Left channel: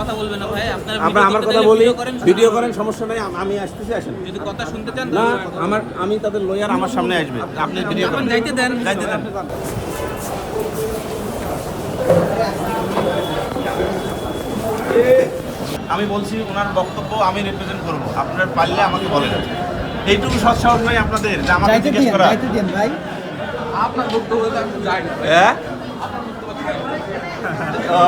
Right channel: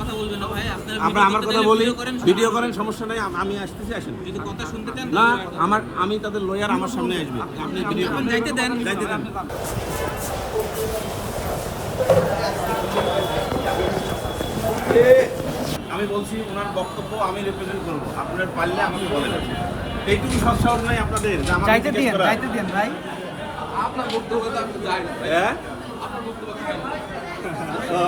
কথা বলবেন না ভাই, আপনারা আমার কথা বলি, ভিডিও করেন, সমস্যা নাই, আমি আসতেছি, আসেন। যদি কথা শুনতে চান না, আমি তাদের লয়ার আমার সামনে আসবে, আপনি ভিডিও এখন করেন। যাইতে দেন। আমি বলছি ওনার বক্তব্য আমি রিপ্রেজেন্ট করব, আপনার পারলে আমাকে বলেন। এইটুকু সৎসাহস নাই আপনাদের যে আমাকে জিজ্ঞেস করা। ভাই আপনার বক্তব্য তো আমি যাই না। হ্যাঁ? ও,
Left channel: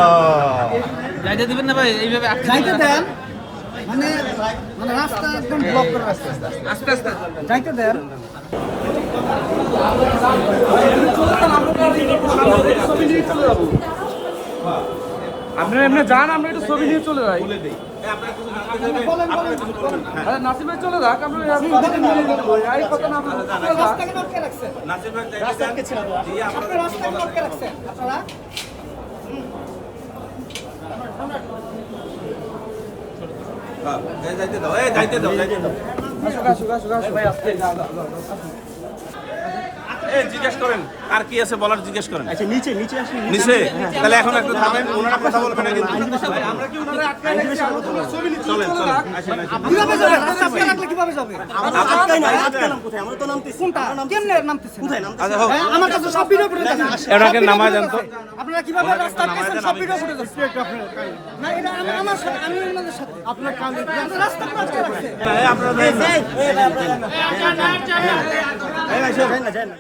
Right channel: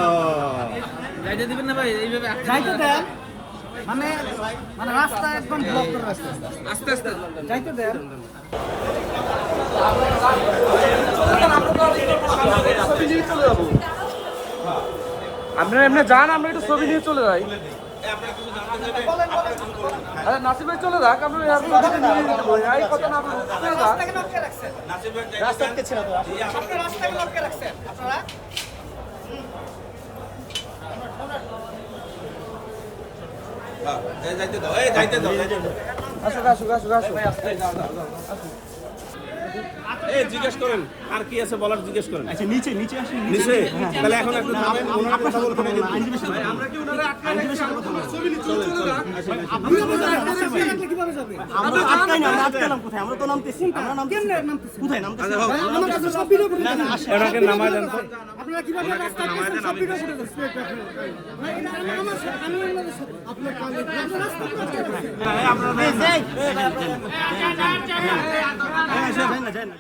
যাইতে দিবেন না ভাই, এইভাবে যাইতে দেন, মানে রাস্তা একদম ব্লক করে আছে। আস্তে আস্তে যাইতে দেন। আপনি এমনি যান, আমি একটু ছবি নিয়ে চলে যাই। বলে দেই। আপনারা কিছু জানতে চাইলে আপনারা কিছু বলবেন। হ্যাঁ। নাসিম ভাই চলে যাক, আপনি রাস্তাকে আটকে রাখছেন, নাসিম ভাই যাইতে দেন। জি, আপনি রাস্তাকে আটকে রাখছেন আপনারা। যাইতে দাও, যাইতে দাও, যাইতে দাও। জিজ্ঞেস করেন, আর কি আছে বলার জিজ্ঞেস করেন। আচ্ছা নিচে নিচে আসুন। নিচে তাহলে এখন একটু থামেন, ওনারা কথা বলবেন আগে। আমরা কি ওনারা আটকাই ছবি নিয়ে চলেন, চলে চলেন, যাক। আসেন, আসেন। কিভাবে যাবে? রাস্তা আটকে রাখলে কিভাবে যাবে? আমরা আটকাই না, আমরা আটকালাম কোথায়? আমরা তো নামতেছি। কোনটা? আমরা নামতেছি। কেমনে নামতেছেন? কোথায় নামতেছি? আচ্ছা, হোক। হ্যাঁ, আমার কাছে সব ভিডিও ফুটেজ আছে। এনাকে সব ভিডিও নামায় ফুটেজ দেন তো। আছে। আপনারা কিভাবে রাস্তা আটকেছেন সব ভিডিও ফুটেজ আছে। না, এটা আমার সাথে, আমি আপনাদের সাথে। আপনার কালে রাস্তা আটকে রাখছেন। এই আপনারা এই ভাই আপনারা যান না।